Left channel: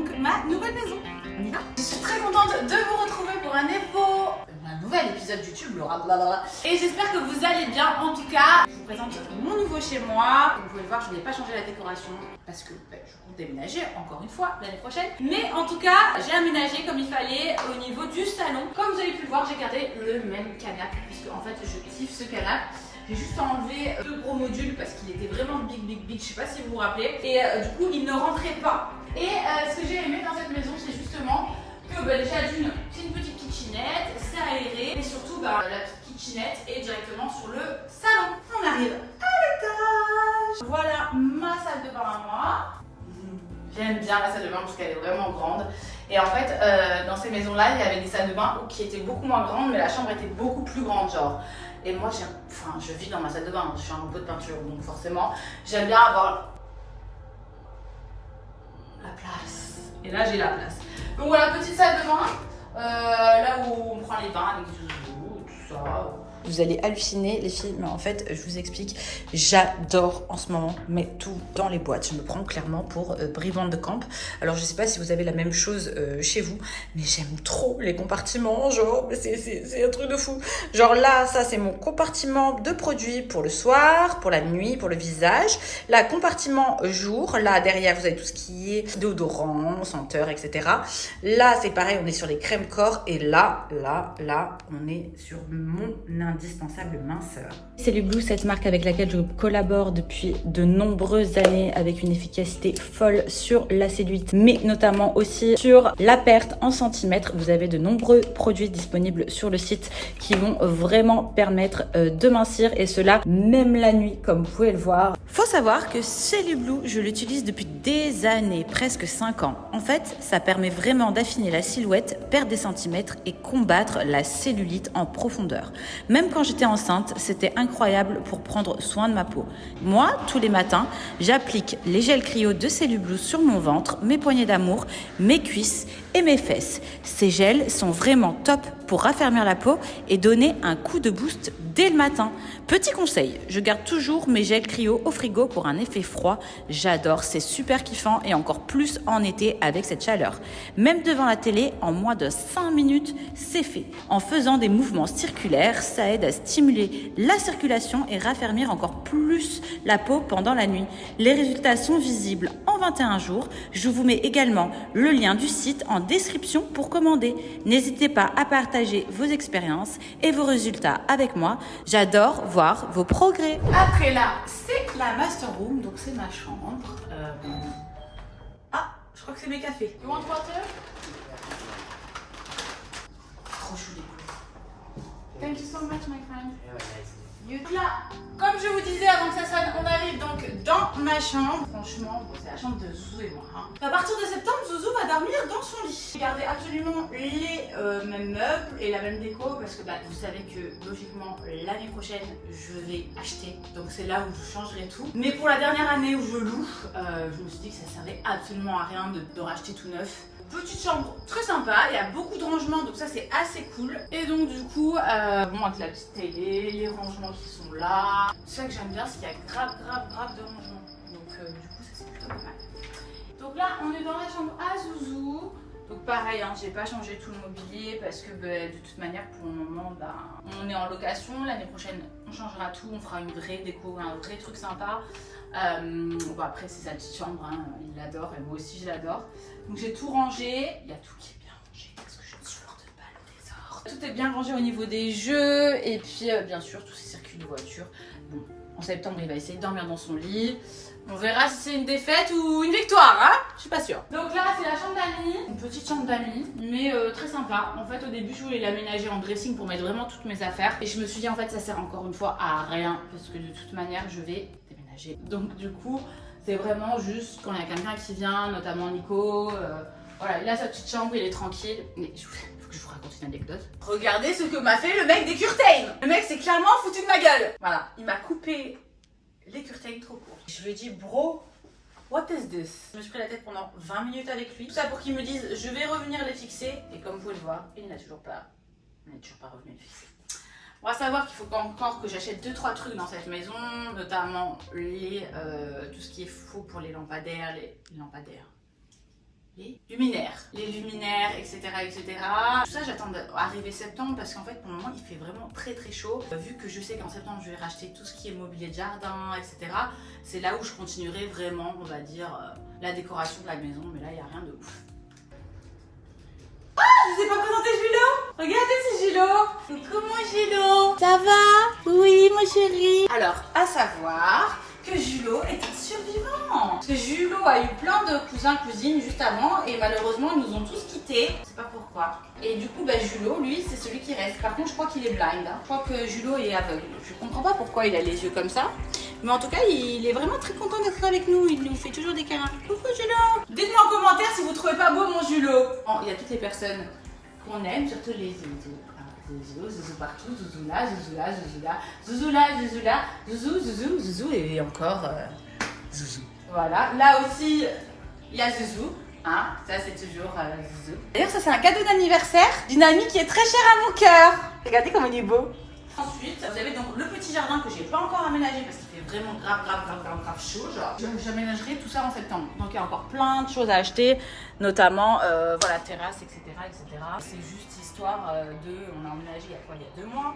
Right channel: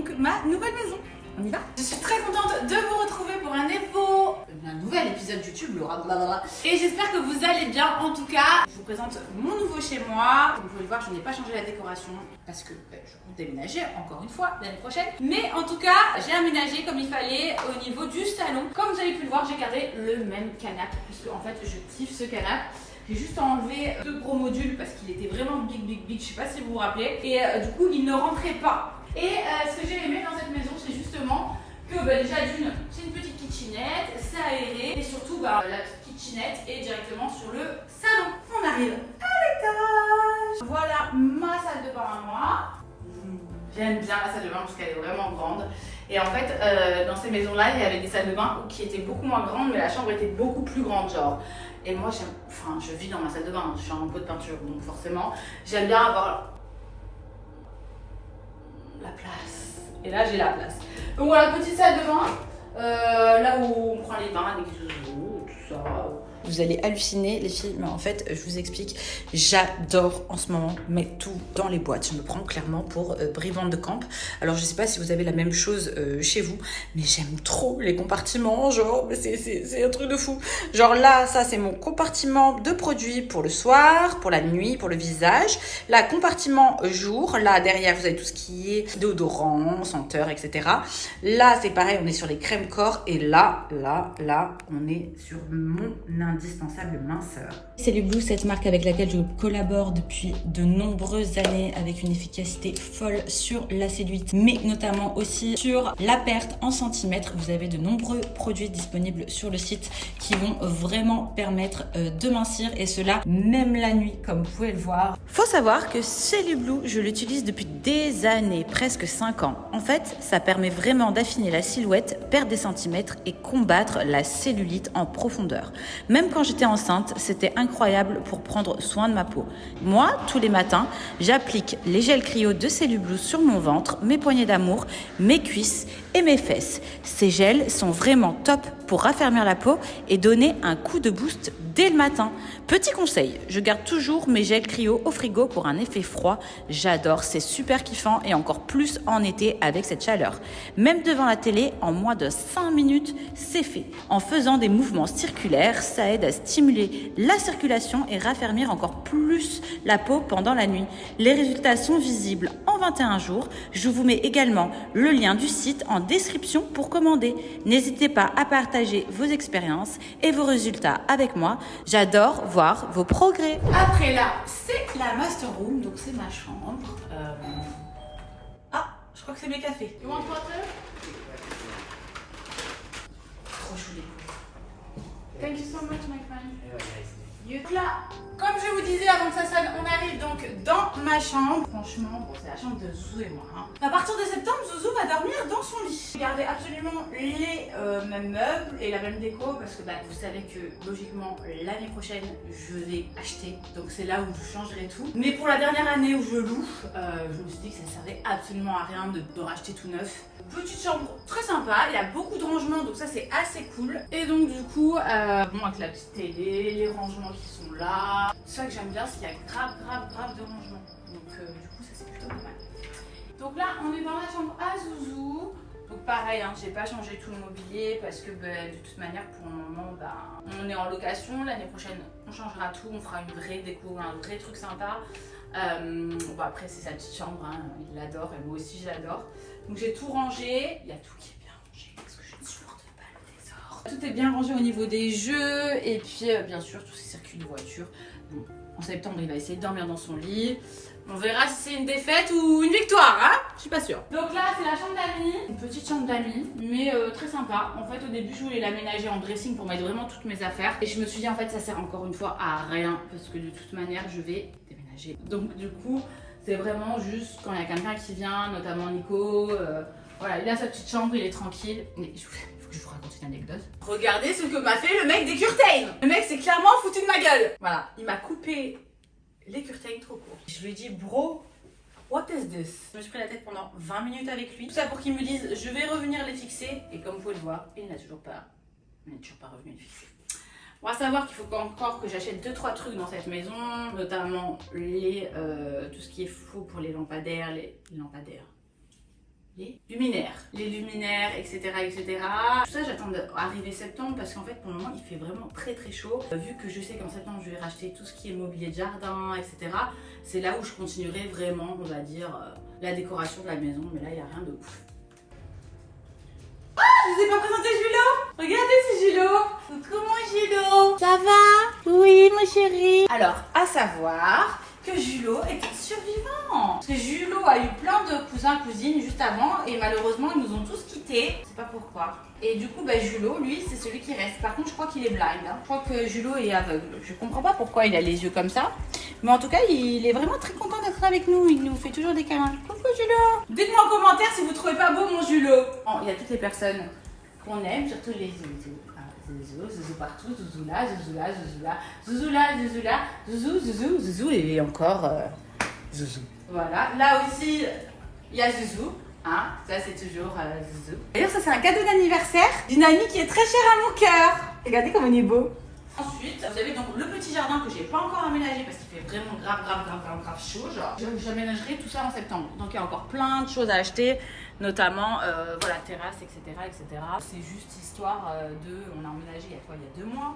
donc ma nouvelle maison. On y va? Je suis très contente de vous retrouver pour un nouvel épisode YouTube, Laura, blablabla. Et j'espère que vous allez bien. En tout cas, je vous présente mon nouveau chez moi. Comme vous pouvez le voir, je n'ai pas changé la décoration parce que je compte déménager encore une fois l'année prochaine. Mais en tout cas, j'ai aménagé comme il fallait au niveau du salon. Comme vous avez pu le voir, j'ai gardé le même canapé puisque en fait, je kiffe ce canapé. J'ai juste enlevé 2 gros modules parce qu'il était vraiment big. Je sais pas si vous vous rappelez. Et du coup, il ne rentrait pas. Et ce que j'ai aimé dans cette maison, c'est justement que déjà d'une, c'est une petite kitchenette, c'est aéré. Et surtout, la petite kitchenette est directement sur le salon. On arrive à l'étage. Voilà ma salle de bain à moi. J'aime bien la salle de bain parce qu'elle est vraiment grande. Et en fait, dans ces maisons-là, il y avait des salles de bain qui étaient beaucoup moins grandes, mais la chambre était beaucoup plus grande, genre. Et moi, je vis dans ma salle de bain, je suis en pot de peinture, donc forcément, j'aime bien avoir la place. Et là, j'ai la place. Donc voilà, petite salle de bain, là où on prend les bains avec les eaux, tout ça. Vous allez halluciner les filles, mais en fait, je vous explique, j'adore en ce moment mettre tout dans les boîtes. Je me prends clairement pour Brivante de Camp. Alors, je sais pas si vous avez la même chose chez vous, mais j'aime trop les compartiments, genre, c'est un truc de fou. Genre là, ça, c'est mon compartiment de produits pour le soir, pour la nuit, pour le visage. Là, compartiment jour. Là, derrière, vous avez tout ce qui est déodorant, senteur, etc. Là, c'est pareil, on est sur les crèmes corps. Et là, on est sur mon indispensable minceur. Cellule Blue, cette marque avec laquelle je collabore depuis de nombreuses années avec une efficacité folle sur la cellulite, mais notamment aussi sur la perte en centimètres. Vous avez de nombreux produits disponibles sur le site qui vont vraiment permettre de mincir et cela même la nuit, comme vous pouvez le voir. Faut savoir que Cellule Blue, je l'utilise depuis des années, presque 5 ans. En fait, ça permet vraiment d'affiner la silhouette, perdre des centimètres et combattre la cellulite en profondeur. Même quand j'étais enceinte, c'était incroyable pour prendre soin de ma peau. Moi, tous les matins, j'applique les gels cryo de Cellule Blue sur mon ventre, mes poignées d'amour, mes cuisses et mes fesses. Ces gels sont vraiment top pour raffermir la peau et donner un coup de boost dès le matin. Petit conseil, je garde toujours mes gels cryo au frigo pour un effet froid. J'adore, c'est super kiffant et encore plus en été avec cette chaleur. Même devant la télé, en moins de 5 minutes, c'est fait. En faisant des mouvements circulaires, ça aide à stimuler la circulation et raffermir encore plus la peau pendant la nuit. Les résultats sont visibles en 21 jours. Je vous mets également le lien du site en description pour commander. N'hésitez pas à partager vos expériences et vos résultats avec moi. J'adore voir vos progrès. Après là, c'est la master room, donc c'est ma chambre. Ah, je crois que c'est mes cafés. You want water? Trop chou les couilles. Thank you so much, my friend. Donc là, comme je vous disais avant que ça sonne, on arrive donc dans ma chambre. Franchement, bon, c'est la chambre de Zouzou et moi. À partir de septembre, Zouzou va dormir dans son lit. J'ai gardé absolument les mêmes meubles et la même déco parce que vous savez que logiquement l'année prochaine je vais acheter. Donc c'est là où je changerai tout. Mais pour la dernière année où je loue, je me suis dit que ça servait absolument à rien de racheter tout neuf. Petite chambre très sympa, il y a beaucoup de rangements donc ça c'est assez cool. Et donc du coup, bon avec la petite télé, les rangements qui sont là. C'est ça que j'aime bien, c'est qu'il y a grave de rangements. Donc du coup ça c'est plutôt pas mal. Donc là on est dans la chambre à Zouzou. Donc pareil, j'ai pas changé tout le mobilier parce que de toute manière pour le moment on est en location. L'année prochaine on changera tout, on fera une vraie déco, un vrai truc sympa. Bon après c'est sa petite chambre, il l'adore et moi aussi je l'adore. Donc j'ai tout rangé, il y a tout qui est bien rangé parce que je ne supporte pas le désordre. Tout est bien rangé au niveau des jeux et puis bien sûr tous ces circuits de voiture. Bon, en septembre il va essayer de dormir dans son lit. On verra si c'est une défaite ou une victoire, hein. Je suis pas sûre. Donc là c'est la chambre d'amis, une petite chambre d'amis, mais très sympa. En fait au début je voulais l'aménager en dressing pour mettre vraiment toutes mes affaires. Et je me suis dit en fait ça sert encore une fois à rien parce que de toute manière je vais déménager. Donc du coup c'est vraiment juste quand il y a quelqu'un qui vient, notamment Nico. Voilà, il a sa petite chambre, il est tranquille. Mais il faut que je vous raconte une anecdote. Regardez ce que m'a fait le mec des curtains. Le mec s'est clairement foutu de ma gueule. Voilà, il m'a coupé les curtains trop courts. Je lui ai dit, bro, what is this? Je me suis pris la tête pendant 20 minutes avec lui. Tout ça pour qu'il me dise, je vais revenir les fixer. Et comme vous pouvez le voir, il n'a toujours pas revenu les fixer. On va savoir qu'il faut encore que j'achète 2-3 trucs dans cette maison, notamment tout ce qui est faux pour les lampadaires, les luminaires. Les luminaires, etc. etc. Tout ça, j'attends d'arriver septembre parce qu'en fait, pour le moment, il fait vraiment très très chaud. Vu que je sais qu'en septembre, je vais racheter tout ce qui est mobilier de jardin, etc. C'est là où je continuerai vraiment, on va dire, la décoration de la maison. Mais là, il n'y a rien de ouf. Ah, je vous ai pas présenté Julo. Regardez, c'est Julo. Coucou mon Julo. Ça va? Oui, mon chéri. Alors, à savoir que Julo est un survivant. Parce que Julo a eu plein de cousins, cousines juste avant et malheureusement ils nous ont tous quittés. Je sais pas pourquoi. Et du coup, Julo, lui, c'est celui qui reste. Par contre, je crois qu'il est blind. Je crois que Julo est aveugle. Je comprends pas pourquoi il a les yeux comme ça. Mais en tout cas, il est vraiment très content d'être avec nous. Il nous fait toujours des câlins. Coucou Julo. Dites-moi en commentaire si vous trouvez pas beau mon Julo. Bon, il y a toutes les personnes qu'on aime, surtout les zouzous. Zouzou partout, zouzou là, zouzou là, zouzou là, zouzou là, zouzou là, zouzou, zouzou, zouzou et encore zouzou. Voilà, là aussi il y a zouzou, hein, ça c'est toujours zouzou. D'ailleurs ça c'est un cadeau d'anniversaire d'une amie qui est très chère à mon cœur. Regardez comme on est beau. Ensuite, vous avez donc le petit jardin que j'ai pas encore aménagé parce qu'il fait vraiment grave chaud. Genre, j'aménagerai tout ça en septembre. Donc il y a encore plein de choses à acheter, notamment voilà, terrasse, etc. C'est juste histoire on a emménagé il y a 2 mois.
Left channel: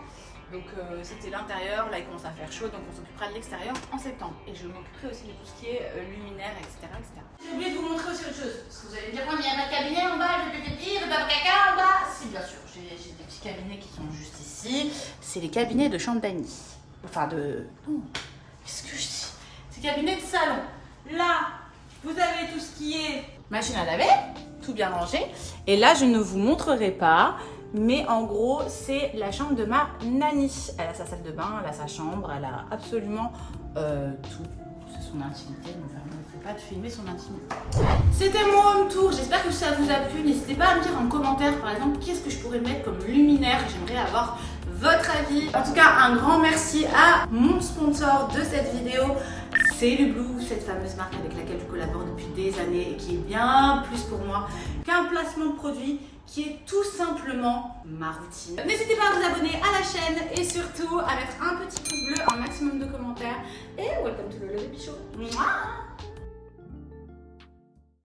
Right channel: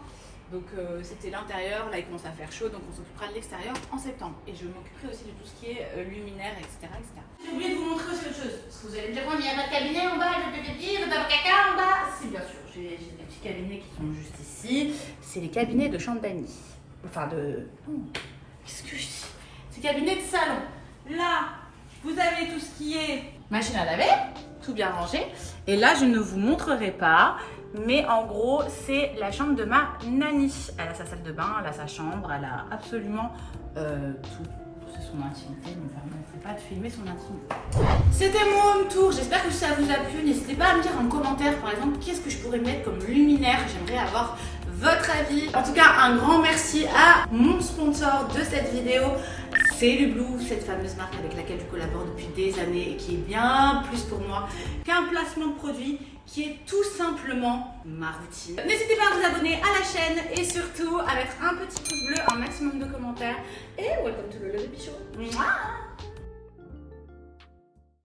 Donc c'était l'intérieur, là il commence à faire chaud, donc on s'occupera de l'extérieur en septembre. Et je m'occuperai aussi de tout ce qui est luminaire, etc. J'ai oublié de vous montrer aussi autre chose. Parce que vous allez me dire, mais il y a pas de cabinet en bas, j'ai des petits, pas de caca en bas. Si, bien sûr, j'ai des petits cabinets qui sont juste ici. C'est les cabinets de chambre d'amis. Enfin de... Qu'est-ce que je dis? C'est cabinets de salon. Là, vous avez tout ce qui est machine à laver, tout bien rangé. Et là, je ne vous montrerai pas. Mais en gros, c'est la chambre de ma nanny. Elle a sa salle de bain, elle a sa chambre, elle a absolument tout. C'est son intimité, mais vraiment, il ne faut pas te filmer son intimité. C'était mon home tour, j'espère que ça vous a plu. N'hésitez pas à me dire en commentaire, par exemple, qu'est-ce que je pourrais mettre comme luminaire. J'aimerais avoir votre avis. En tout cas, un grand merci à mon sponsor de cette vidéo. C'est Lublou, cette fameuse marque avec laquelle je collabore depuis des années et qui est bien plus pour moi qu'un placement de produit, qui est tout simplement ma routine. N'hésitez pas à vous abonner à la chaîne et surtout à mettre un petit pouce bleu, un maximum de commentaires et welcome to the Lolo Bichot. Mouah.